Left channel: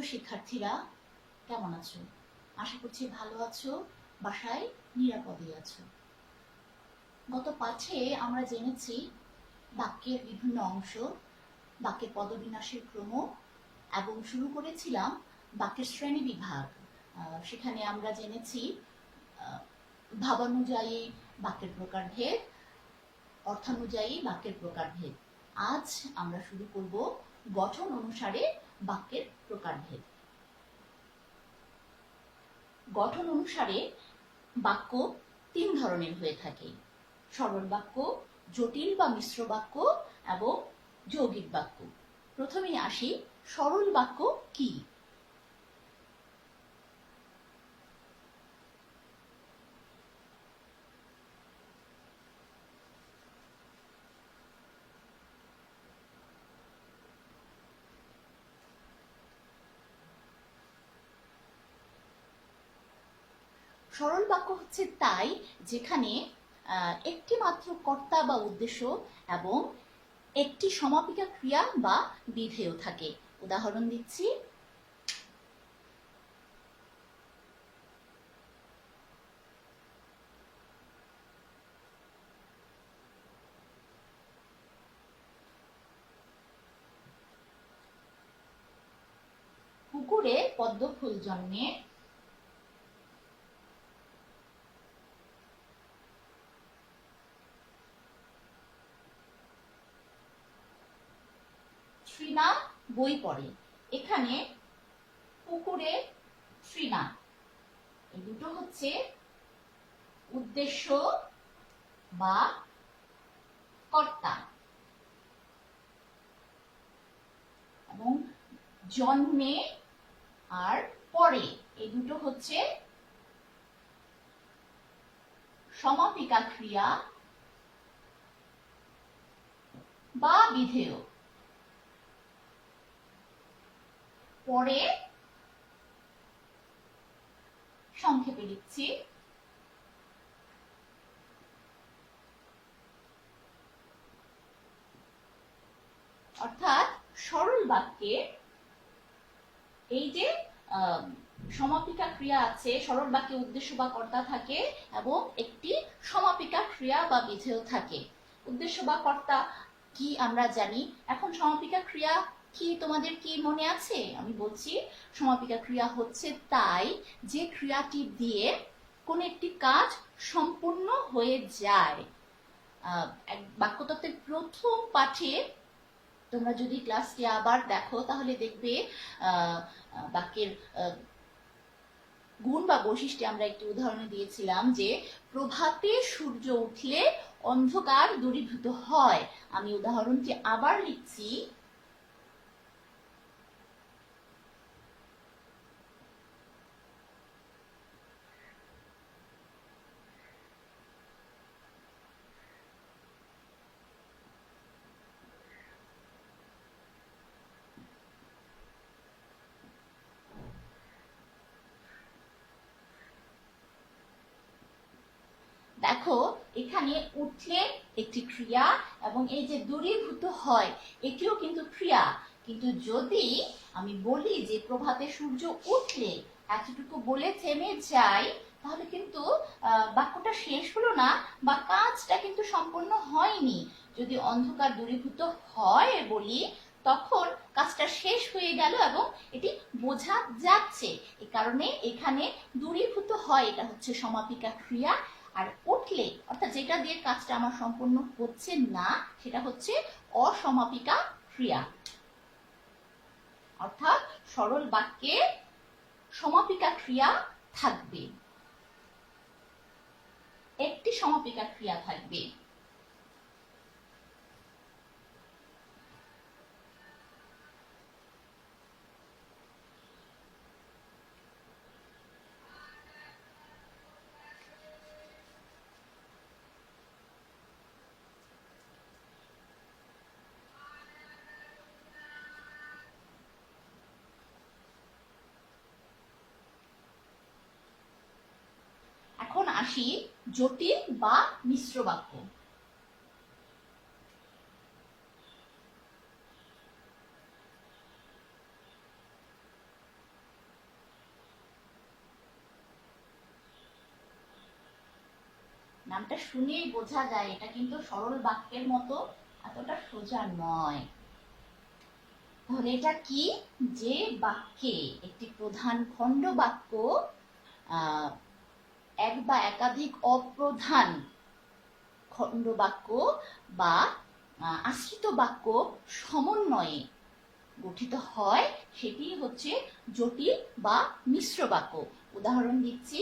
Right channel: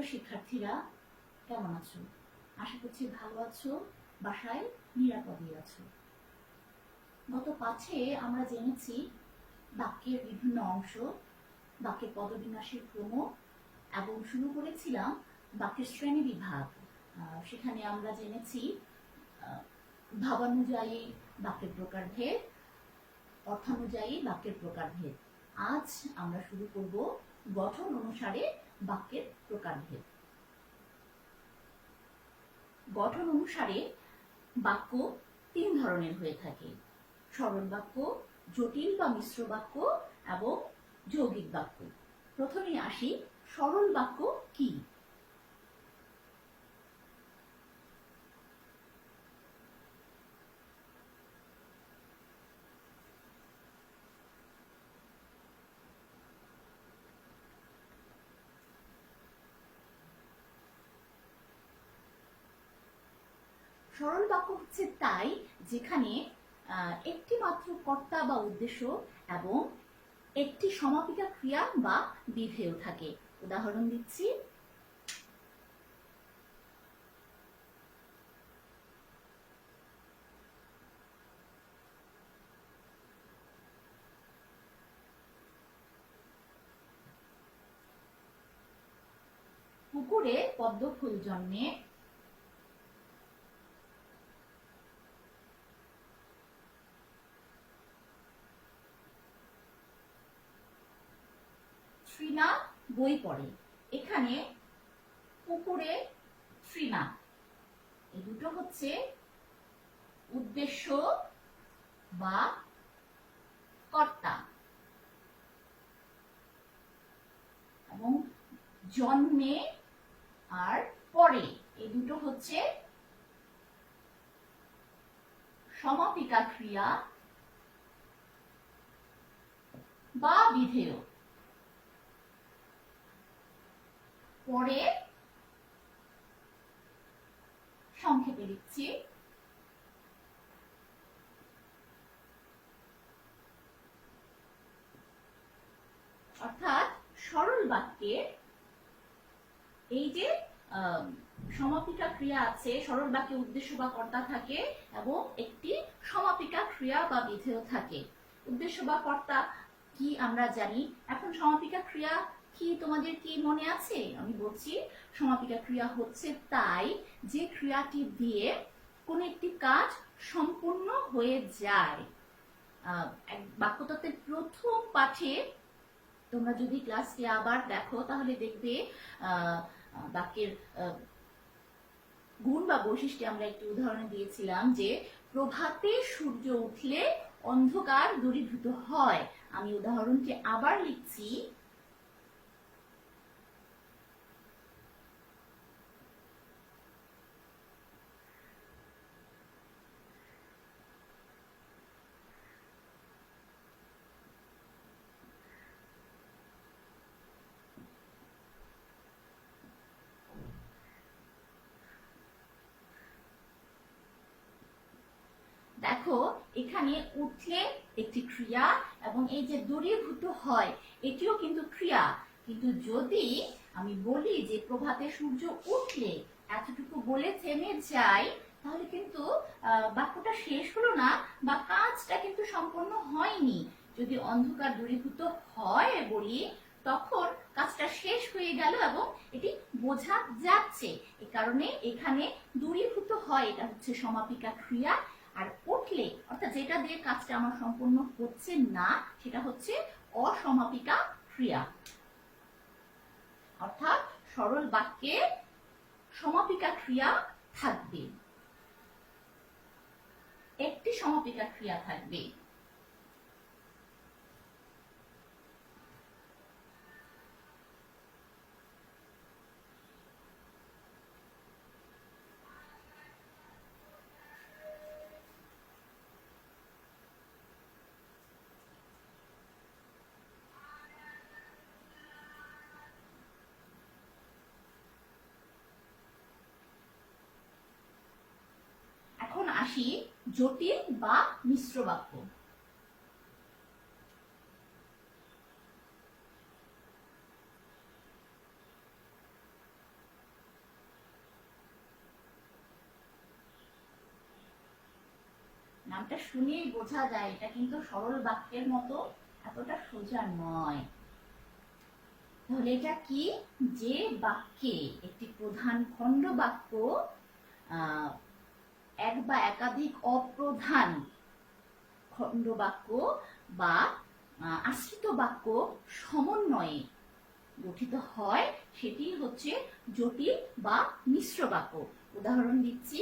প্রিয় শিক্ষার্থীরা, কেমন আছো? আশা করছি ভালো আছো, বাসায় নিরাপদে আছো। গত পাঠে আমরা জেনেছি বাক্যের বিভিন্ন অংশ বাক্যের পদবিন্যাসের ক্রম এবং শুরু করেছিলাম বাক্যের শ্রেণি বিভাগ। সেখানে আমরা জেনেছি ভাবানুযায়ী বাক্যের প্রকারভেদ, অর্থানুযায়ী বাক্যের প্রকারভেদ। আজ আমরা শুরু করব গঠন অনুসারে বাক্যের প্রকারভেদ গঠন অনুসারে বাক্য তিন ধরনের হয়ে থাকে। সরল বাক্য, জটিল বা মিশ্র বাক্য এবং যৌগিক বাক্য। প্রথমে আসি, সরল বাক্য কি? সরল বাক্য হচ্ছে তাই, যেখানে একটি মাত্র কর্তা বা উদ্দেশ্য এবং একটি সমাপিকা ক্রিয়া বা বিধেয় থাকে। উদাহরণ দিচ্ছি। পুকুরে পদ্ম ফুল জন্মে। বই পড়ে। এখানে পুকুরে শ্রীনা এই দুটো হচ্ছে উদ্দেশ্য বা কর্তা। এবং জন্মে আর পরে এই দুটো হচ্ছে সমাপিকা ক্রিয়া বা বিধেয়। পরে সংক্ষেপে লিখছি। অর্থাৎ সরল বাক্যে এই যে সমাপিকা ক্রিয়া আছে, সরল বাক্যে উদ্দেশ্য বা কর্তা থাকে এবং একটি সমাপিকা ক্রিয়া বা বিধেয় থাকে। উদ্দেশ্য বা কর্তা কি আমরা জানি। এখন সমাপিকা ক্রিয়া কি তোমাদের কি মনে আছে? আমি বলছি, সমাপিকা ক্রিয়া হচ্ছে তাই যে ক্রিয়াটি দিয়ে কোনো একটি কাজ সম্পূর্ণ হয়ে যায়। বাক্যতত্ত্বের প্রথম পাঠে তোমরা যদি ক্লাসটি আবার দেখো, তাহলে দেখবে বাক্যের গুণ বা বৈশিষ্ট্যে আমরা একটি উদাহরণ দিয়েছিলাম যে প্রভাতে সূর্য উঠলে অন্ধকার দূরীভূত হয়। আমি উদাহরণটি আবার লিখছি। দেখো, এখানে উঠলে একটি ক্রিয়া এবং এই যে দূরীভূত হয়, এটিও কিন্তু ক্রিয়া। কিন্তু যদি আমি বলি যে প্রভাতে সূর্য উঠলে, এতটুকু বলে থেমে যাই, তাহলে কিন্তু বাক্যটা শেষ হলো না বা কাজটা কিন্তু সম্পূর্ণ হয়নি। যদি অন্ধকার দূরীভূত হয় বলি, তখন কাজটা শেষ হয়ে গেল এবং এটি বোঝা যাচ্ছে। এ কারণে এখানে দূরীভূত হয়, এটা হচ্ছে সমাপিকা ক্রিয়া। আর উঠলে অর্থাৎ যেটা দিয়ে কাজটা আমার সম্পূর্ণ হচ্ছে না, সেটা হচ্ছে অসমাপিকা ক্রিয়া। অর্থাৎ সরল বাক্যে সমাপিকা ক্রিয়া থাকবে। একটি সমাপিকা ক্রিয়া থাকবে। জটিল বা মিশ্র বাক্য। নামটা শুনেই বোঝা যায়, এটা কিন্তু সরল বাক্যের মতো এতটা সোজা নয়। তাহলে এটা কি? যে বাক্যে একটি প্রধান খণ্ড বাক্য, আহ এক বা একাধিক অপ্রধান খণ্ড বাক্য বা আশ্রিত বাক্য সমন্বয়ে গঠিত হয়, সেটি হচ্ছে জটিল বা মিশ্র বাক্য। উদাহরণ দিচ্ছি।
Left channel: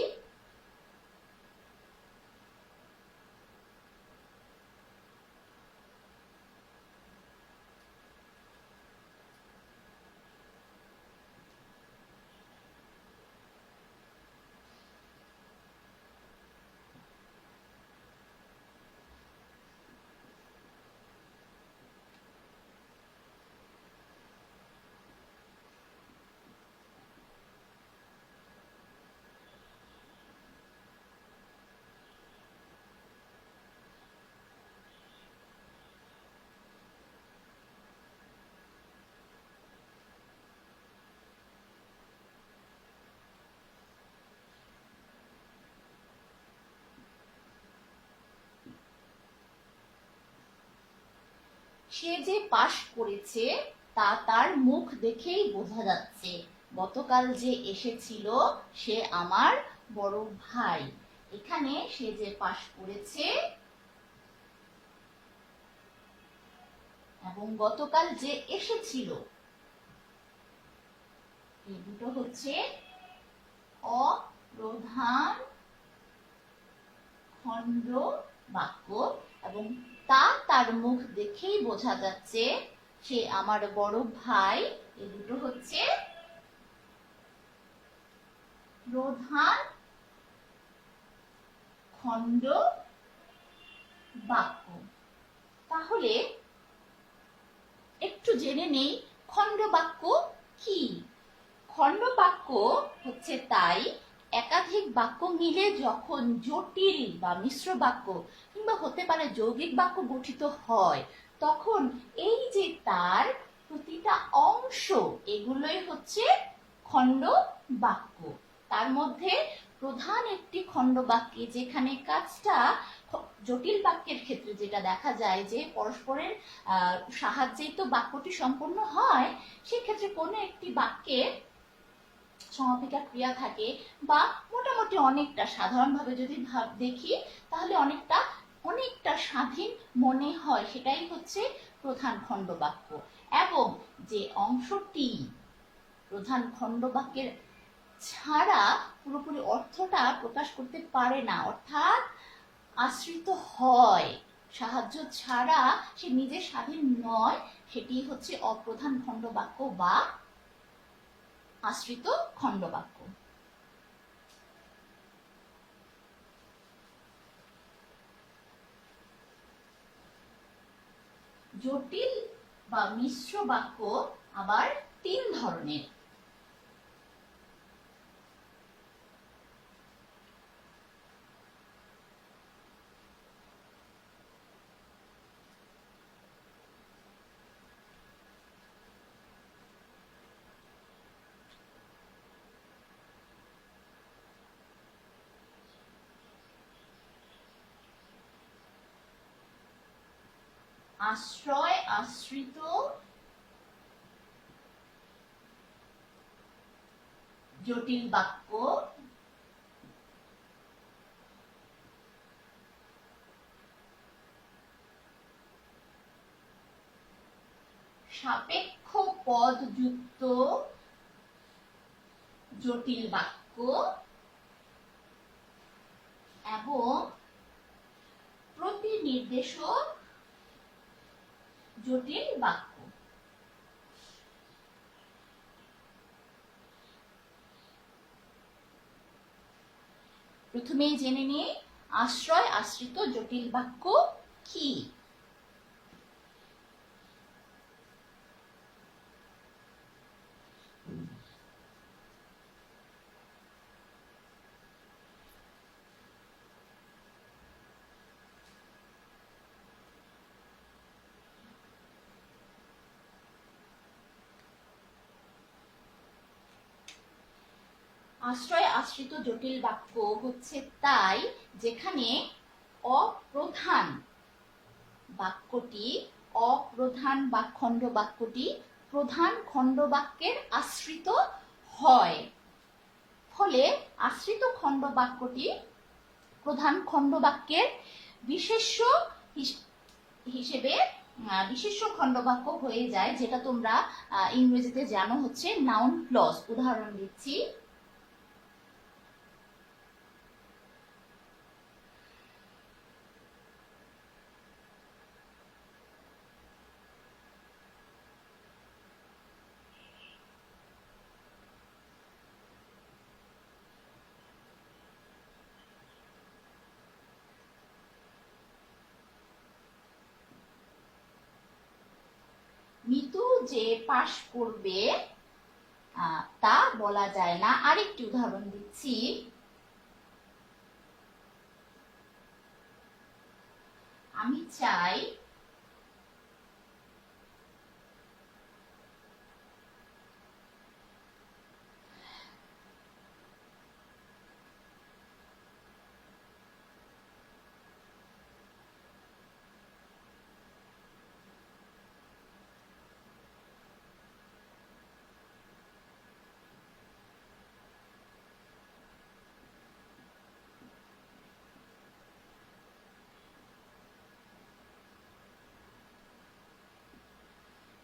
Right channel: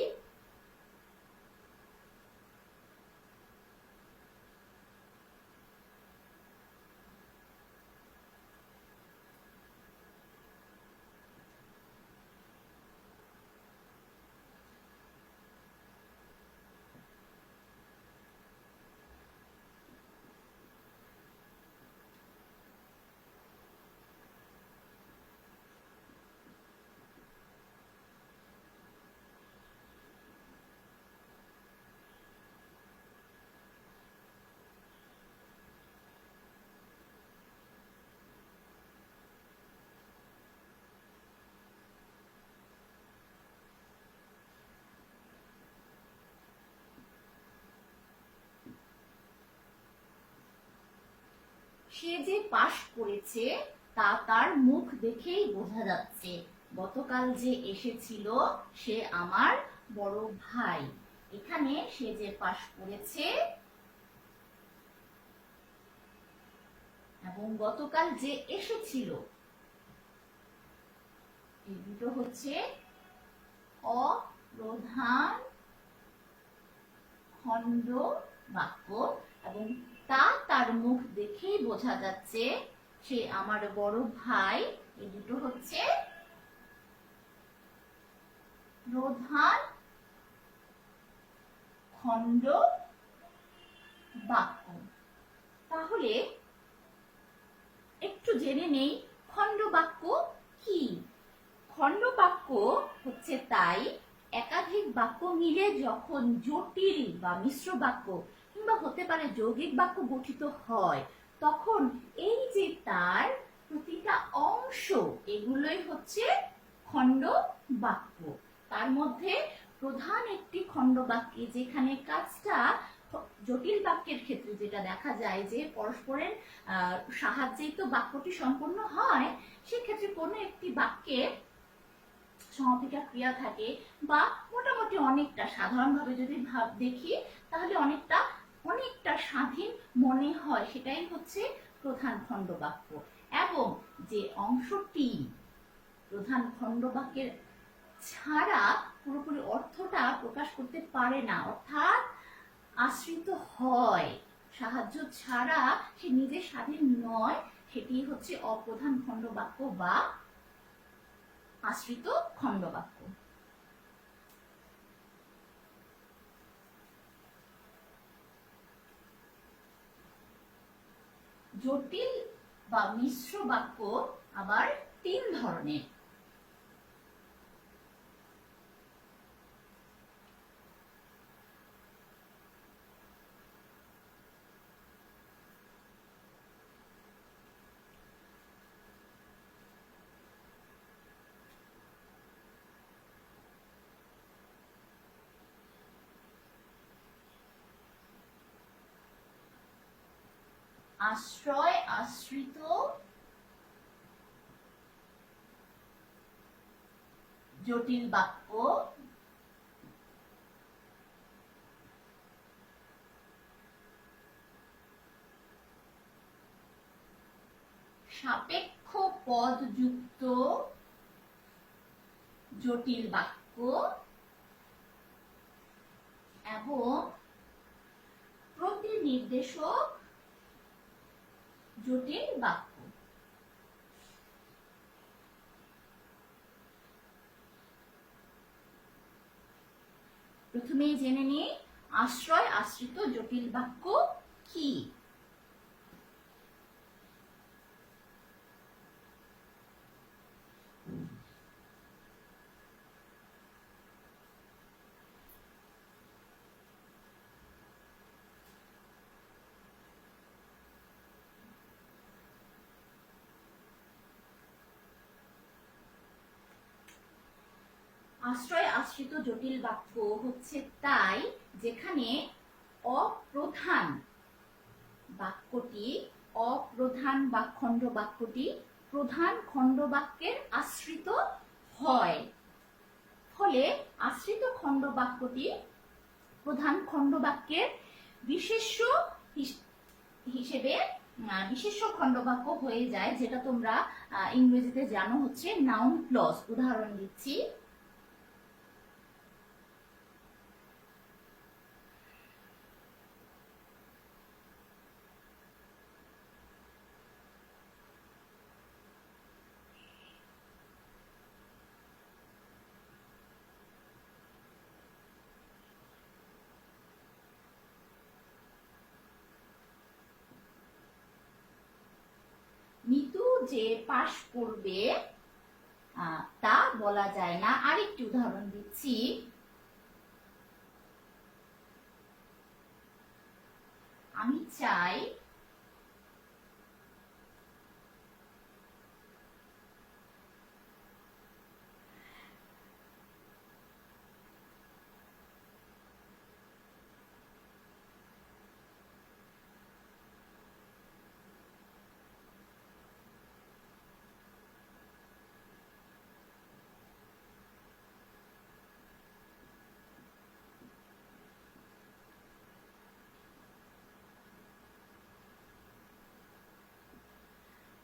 সে যে পাশ করেছে, তা তার মুখ দেখেই বোঝা যাচ্ছে। গতকাল যে এসেছিল, সে আমার বড় ভাই। এখানে সে যে পাশ করেছে, এবং গতকাল যে এসেছিল দুটো হচ্ছে অপ্রধান খণ্ড বাক্য এবং তা তার মুখ দেখেই বোঝা যাচ্ছে সে আমার বড় ভাই। এ দুটো হচ্ছে প্রধান খণ্ড বাক্য। তাহলে একটু জেনে নেই খণ্ড বাক্য কি? খণ্ড বাক্য হচ্ছে তাই একাধিক বাক্য মিলে যখন জটিল বা মিশ্র বাক্য কিংবা হতে পারে যৌগিক বাক্য গঠিত হয়, তখন এই যে তার প্রতিটা অংশ, এগুলোই হচ্ছে খণ্ড বাক্য। তার মধ্যে প্রধান একটি খণ্ড বাক্যে যেখানে কাজটা জটিল বাক্যের ক্ষেত্রে যেটা দেখা যায় যে পরস্পরের সাহায্যেই তো বাক্যটি সম্পন্ন হয়, সেক্ষেত্রে কোনো একটি বাক্যের সমাপিকা ক্রিয়া থাকে বা মোটামুটি অনেকটা সাধারণভাবে যদি ভাব দেখি, তাহলে অনেকটা অনেকটা স্বাধীন মনে হয়। সেটাই হচ্ছে প্রধান খণ্ড বাক্য এবং যে অংশটি প্রধান খণ্ড বাক্যের ছাড়া পুরোপুরি অর্থটা প্রকাশ করতে পারে না, অর্থাৎ আশ্রিত হয়, সাহায্য ছাড়া সে নিজে স্বাধীন নয়, সেটি হচ্ছে অপ্রধান খণ্ড বাক্য বা আশ্রিত খণ্ডবাক্য। জটিল বা মিশ্র বাক্য আবার তিন ধরনের। আশ্রয় আশ্রিত জটিল বাক্য সাপেক্ষ পদযুক্ত জটিল বাক্য এবং প্রতিনির্দেশক জটিল বাক্য। প্রথমেই জেনে নিয়ে আশ্রয় আশ্রিত জটিল বাক্য কি? আশ্রয় আশ্রিত জটিল বাক্য হচ্ছে তাই যেখানে অপ্রধান বাক্যটি, অপ্রধান বা খণ্ড বাক্যটি প্রধান খণ্ড বাক্যের আশ্রিত হয়। ফলে আশ্রিত খণ্ড বাক্যটি প্রধান খণ্ড বাক্যের বিশেষ্য হিস- হিসেবে বিশেষ্য খণ্ডবাক্য হয়ে যায়, যেটা তোমরা ইংরেজিতে জানো হচ্ছে নাউন ক্লজ উদাহরণ দিচ্ছি মিতু যে পাশ করবে তা বলা যায় না। আরেকটি উদাহরণ দিচ্ছি। আমি চাই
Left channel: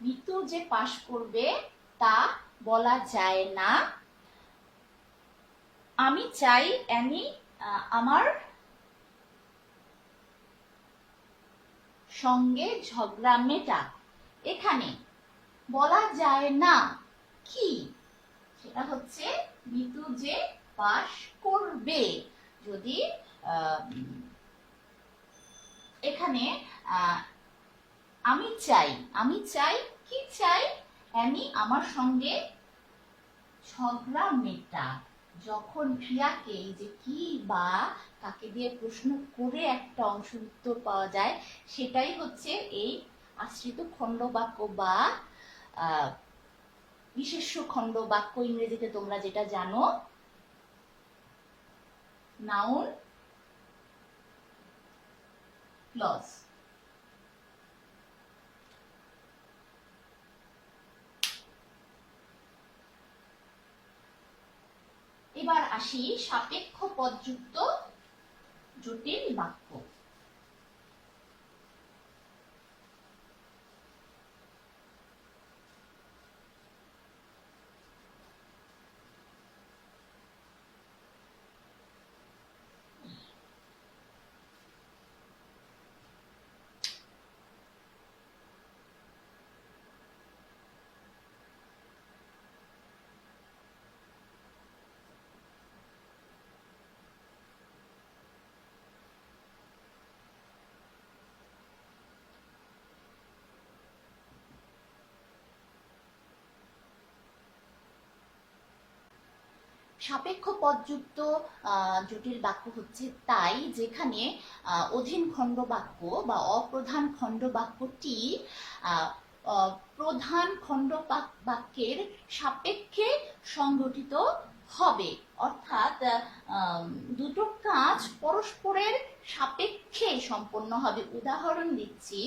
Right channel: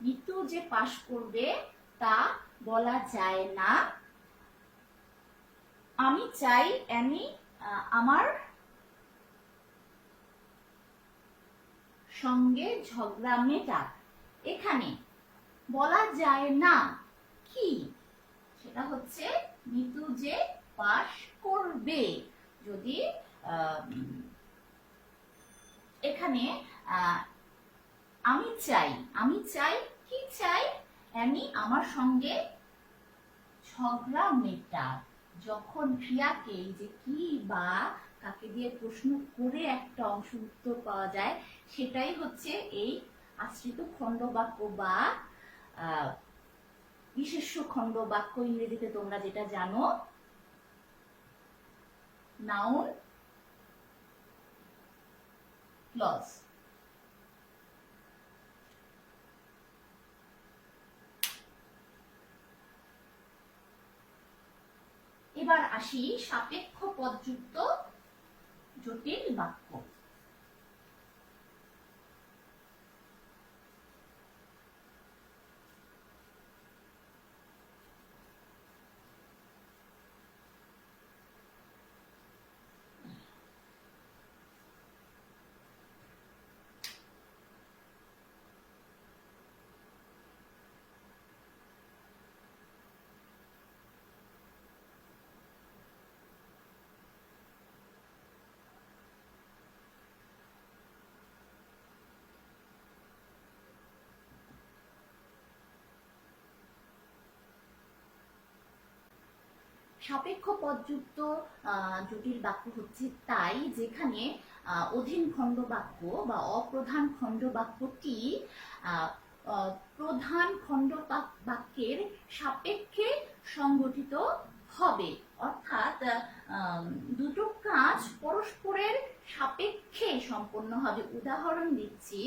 মিতু যে পাশ করবে তা বলা যায় না। আমি চাই আহ, আমার সঙ্গে ঝগড়া মেটাক। এখানে বলা যায় না কি? সেটা হচ্ছে মিতু যে পাশ করবে। যদি এখানে আমি চাই আমি চাই কি চাই? অ্যানি আমার সঙ্গে ঝগড়া মেটা যখন ক্রিয়াকে এই যে কি বা কাকে দিয়ে প্রশ্ন করে একটা অংশ উত্তর পাওয়া যায় সেটাই হচ্ছে এই আশ্রিত খণ্ড বাক্য বা আহ, বিশেষ্য খণ্ড বাক্য ইংরেজিতে তোমরা যেটা জানো নাউন ক্লজ এবার আসি সাপেক্ষ পদযুক্ত জটিল বাক্য। সাপেক্ষ পদযুক্ত জটিল বাক্য হচ্ছে তাই, যেখানে অধীন খণ্ড বাক্য বা অপ্রধান খণ্ড বাক্যটি প্রধান খণ্ড বাক্যের সাপেক্ষে সংগঠিত হবে। অর্থাৎ দুটো কাজ পরস্পরের সাপেক্ষে সম্পন্ন হবে। উদাহরণ দিচ্ছি।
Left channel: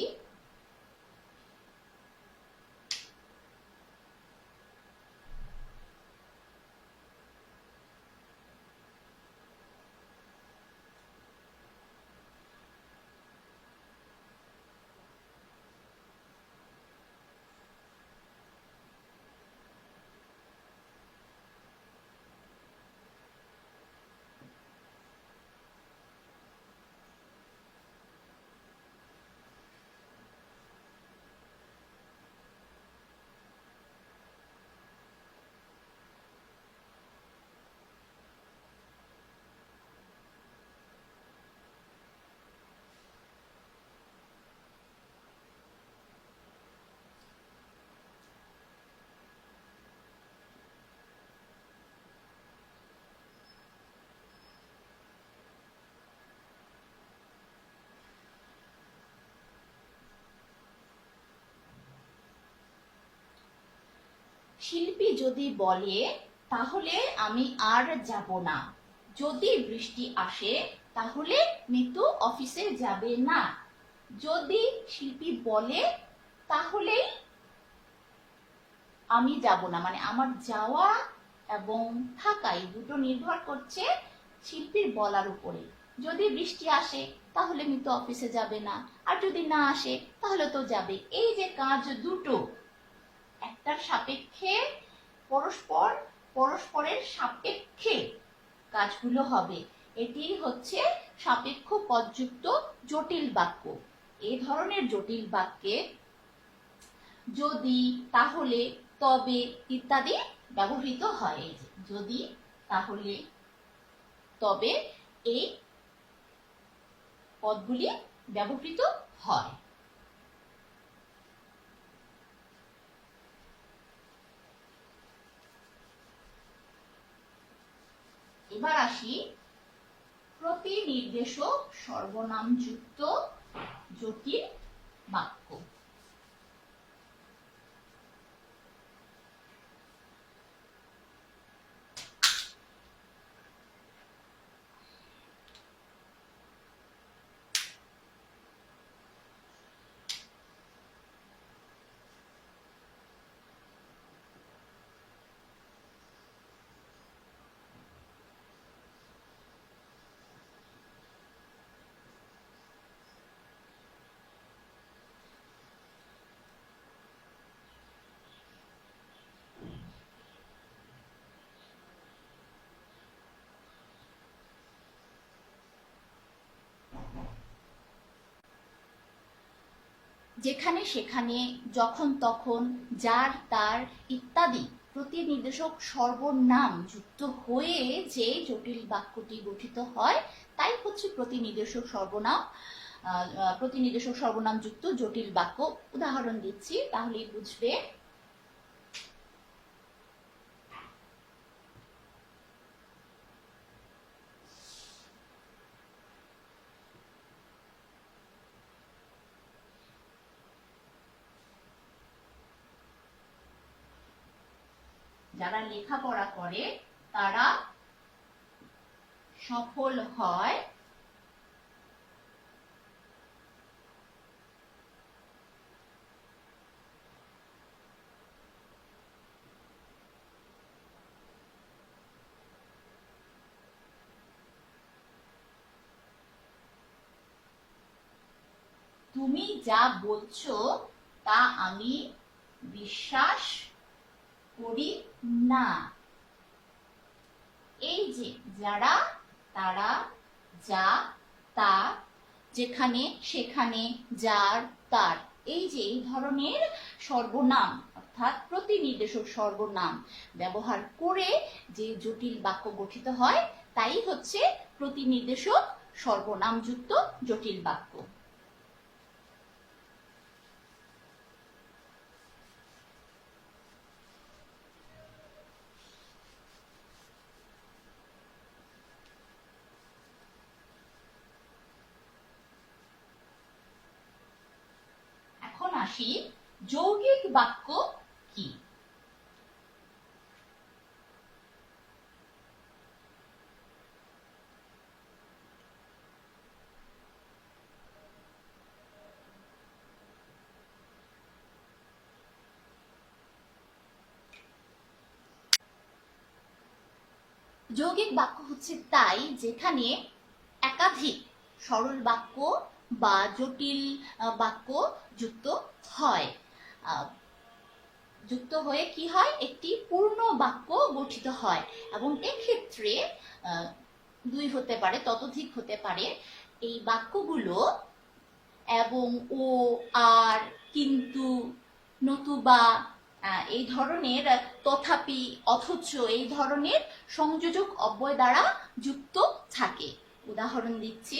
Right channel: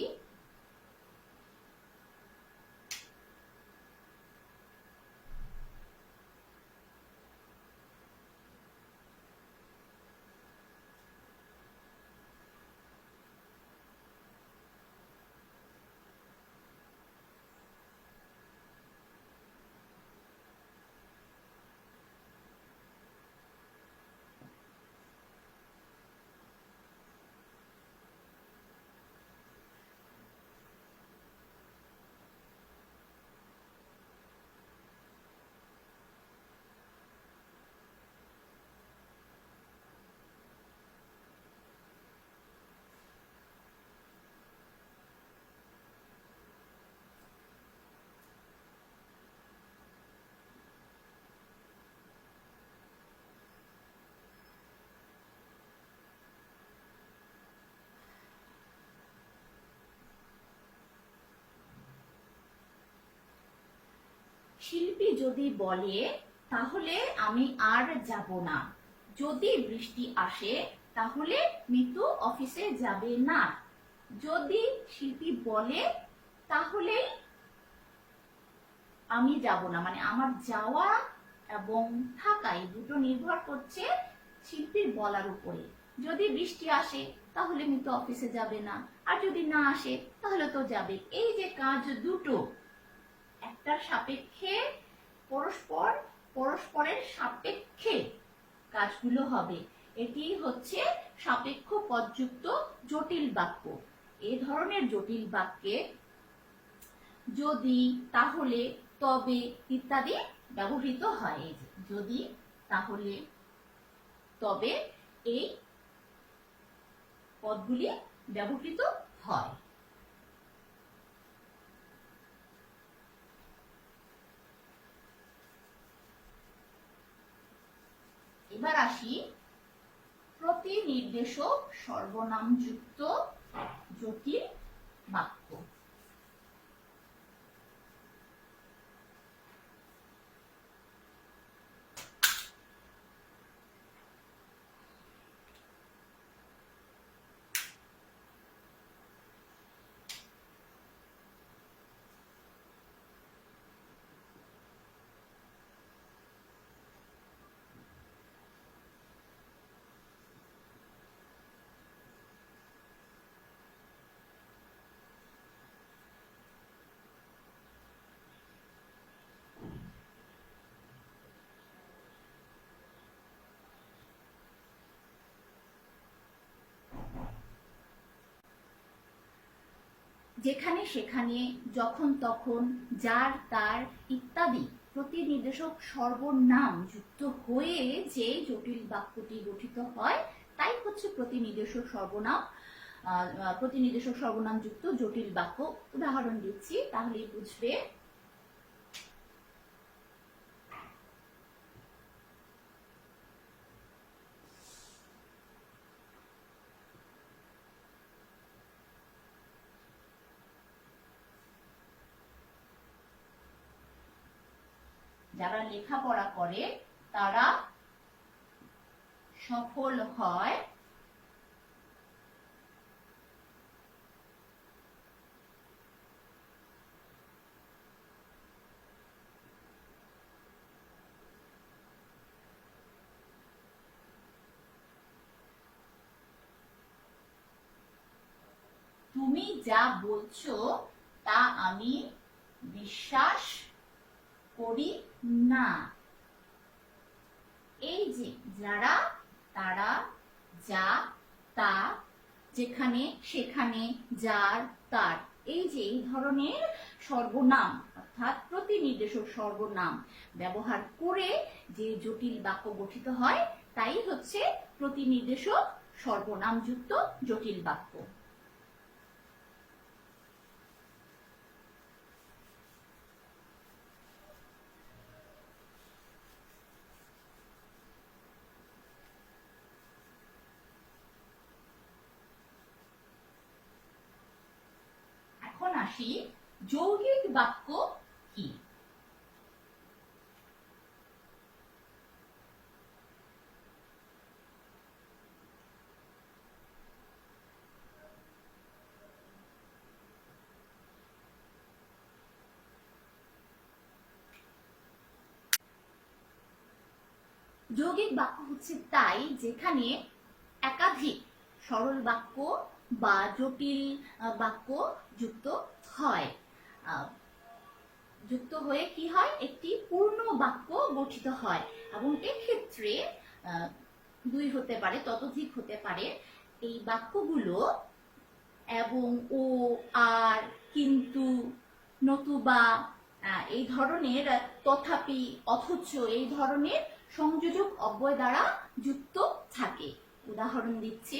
শিল্পী যদি বলে, তাহলে আমি আর যাব না। যদি বৃষ্টি আসে, তাহলে মিতু অফিসে যাবে না। যদি শিল্পী বলে তাহলেই আমি যাব না। মানে আমার যাওয়া এবং থাকা এই দুটো নির্ভর করছে শিল্পীর বলার উপরে। যদি বৃষ্টি আসে, তাহলে মিতু অফিসে যাবে না। আর যদি না আসে, তাহলে তো যাবে। এই যে কাজ দুটো একটার সাপেক্ষে পরস্পর, পরস্পরের সাপেক্ষে কাজগুলো হবে। এটি হচ্ছে সাপেক্ষ পদযুক্ত জটিল বাক্য। এ ধরনের জটিল বাক্যে যদি, তাহলে তবে ইত্যাদি ব্যবহৃত হয়। যদি, তাহলে তবে এই পদগুলি ব্যবহৃত হয়। এবার আসি প্রতিনির্দেশক সর্বনামযুক্ত জটিল বাক্য। যেখানে সেখানে যখন তখন যার তার ইত্যাদি প্রতিনির্দেশক সর্বনাম যুক্ত হয়ে যে জটিল বাক্যটি গঠিত হয়, তাই হচ্ছে প্রতিনির্দেশক সর্বনাম। প্রতিনির্দেশক সর্বনাম যুক্ত জটিল বাক্য। উদাহরণ দিচ্ছি তাহলে বুঝবে। যারা লেখাপড়া করে তারা সফল হয়। তুমি যা বলছো তা আমি বিশ্বাস করি না। এই যে যারা, তারা, যা, তা, যেখানে, সেখানে, যার, তার, এই যে এই ধরনের সর্বনাম, অর্থাৎ প্রতিনির্দেশক সর্বনাম ব্যবহার করে যে জটিল বাক্য গঠিত হয়, তাই হচ্ছে প্রতিনির্দেশক সর্বনামযুক্ত জটিল বাক্য এখন আসি যৌগিক বাক্য কি? যৌগিক বাক্য হচ্ছে তাই, যেখানে একাধিক সরল বাক্য বা জটিল বাক্য যুক্ত হয়। যুক্ত হয়ে কি হয়? একটি পূর্ণ বাক্য গঠিত হয় এবং এক্ষেত্রে দুই হতে পারে, ততোধিক হতে পারে। এই বাক্যগুলো এবং ও, আর, কিন্তু, নতুবা এই ধরনের, তথাপি, অথচ এই ধরনের সংযোজক অব্যয় দ্বারা যুক্ত থাকে। উদাহরণ দিচ্ছি।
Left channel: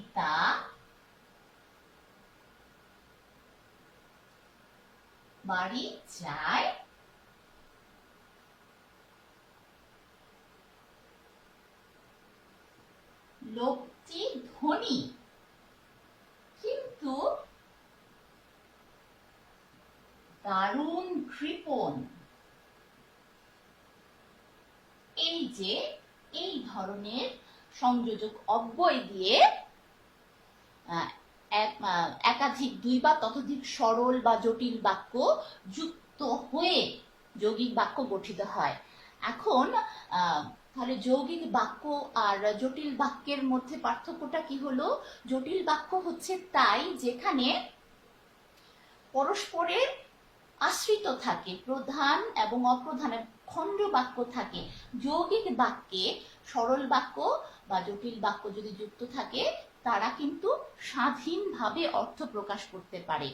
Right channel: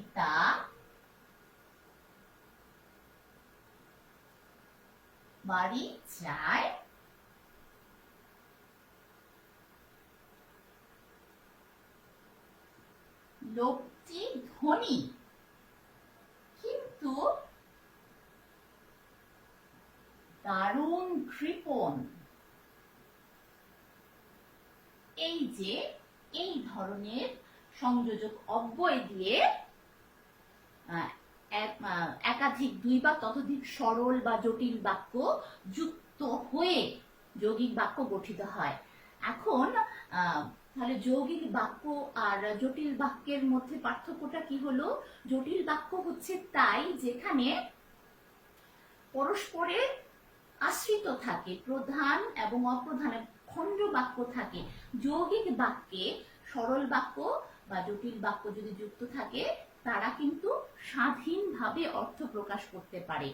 পিতা বাড়ি যায় লোকটি ধনী কিন্তু দারুণ কৃপণ এই যে, এই ধরনের সংযোজক অব্যয় দিয়ে একাধিক দুই বা ততোধিক সরল বা জটিল বাক্য যুক্ত হয়ে যৌগিক বাক্য গঠিত হয়। এখন তাহলে যৌগিক বাক্য আর জটিল বাক্যের মধ্যে পার্থক্যটা কি হলো? জটিল বাক্য হচ্ছে তাই যেখানে পরস্পরের আশ্রিত থাকে, প্রধান এবং অপ্রধানের খণ্ড বাক্য থাকে। যৌগিক বাক্যে সরল বাক্য বা জটিল বাক্য যদি যুক্ত থাকে তারা কিন্তু স্বাধীনভাবে অর্থ প্রকাশ করতে পারে।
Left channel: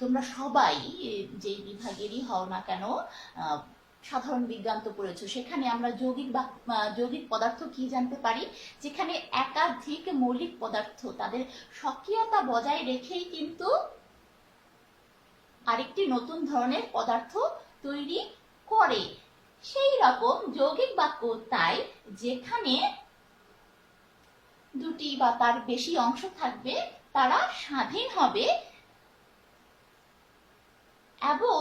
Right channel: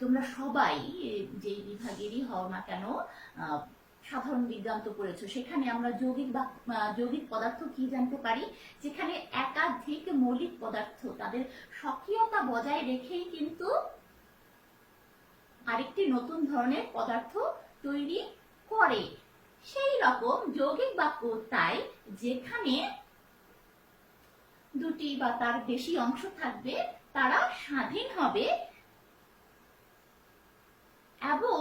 তোমরা সবাই যে বিভাগেরই হও না কেন সাধারণ বিজ্ঞান তো পড়েছো। সেখানে আমরা যৌগিক আহ, যৌগিক পদার্থ কি জানতে পারি? যেখানে একাধিক মৌলিক পদার্থ তাদের সক্রিয়তা বজায় রেখেই কিন্তু আরেকটি নতুন ধরনের পদার্থ তৈরি করে। সেই রকম যৌগিক বাক্য তাই যেখানে দুটি বা তার বেশি অংশ থাকবে, তারা স্বাধীন হবে। এবং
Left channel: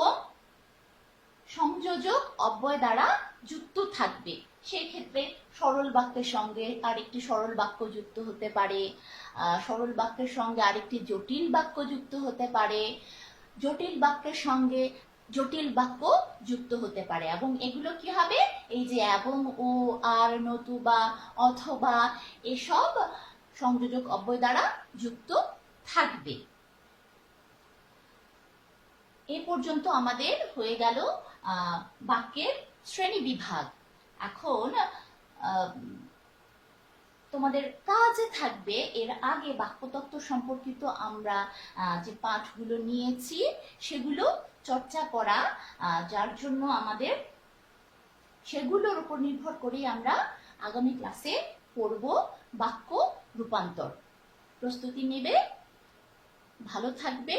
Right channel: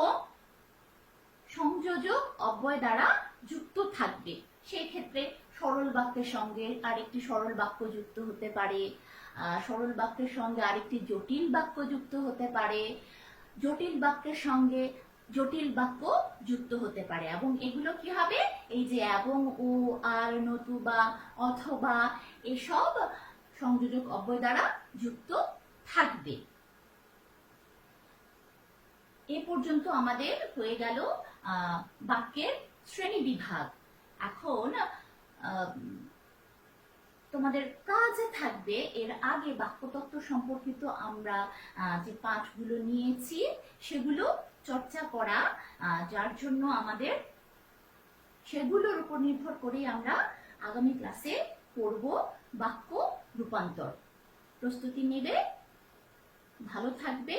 সংযোজক অব্যয় দ্বারা যুক্ত থাকবে। সেক্ষেত্রে সরল বাক্যের সঙ্গে আরেকটি সরল বাক্য যুক্ত হতে পারে। সরল বাক্যের সঙ্গে আরেকটি জটিল বাক্য যুক্ত হতে পারে। জটিল বাক্যের সঙ্গে জটিল বাক্য যুক্ত হতে পারে। এবং এগুলো কি হবে? এই যে এবং, ও, আর নতুবা অথবা এসব সংযোজক অব্যয় দ্বারা যুক্ত থাকবে। এ পর্যন্ত আমাদের হয়ে গেল বাক্যের শ্রেণি বিভাগ। এখন তোমাদের কাজে থাকবে এর আগে বাক্যতত্ত্ব সম্পর্কিত আমরা যে পাঠগুলো নিয়েছি, সেগুলো চর্চা করা যার জন্য আমাদের সেগুলোর উপর নির্ভর করেই আমরা আগামী ক্লাসে পড়ব বাক্য রূপান্তর। প্রস্তুতি নেবে, ভালো থাকবে,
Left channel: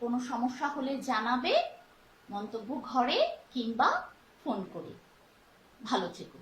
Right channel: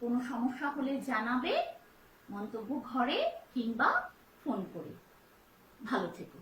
কোনো সমস্যা হলে জানাবে, মন্তব্য ঘরে কিংবা ফোন করে। ভালো থেকো।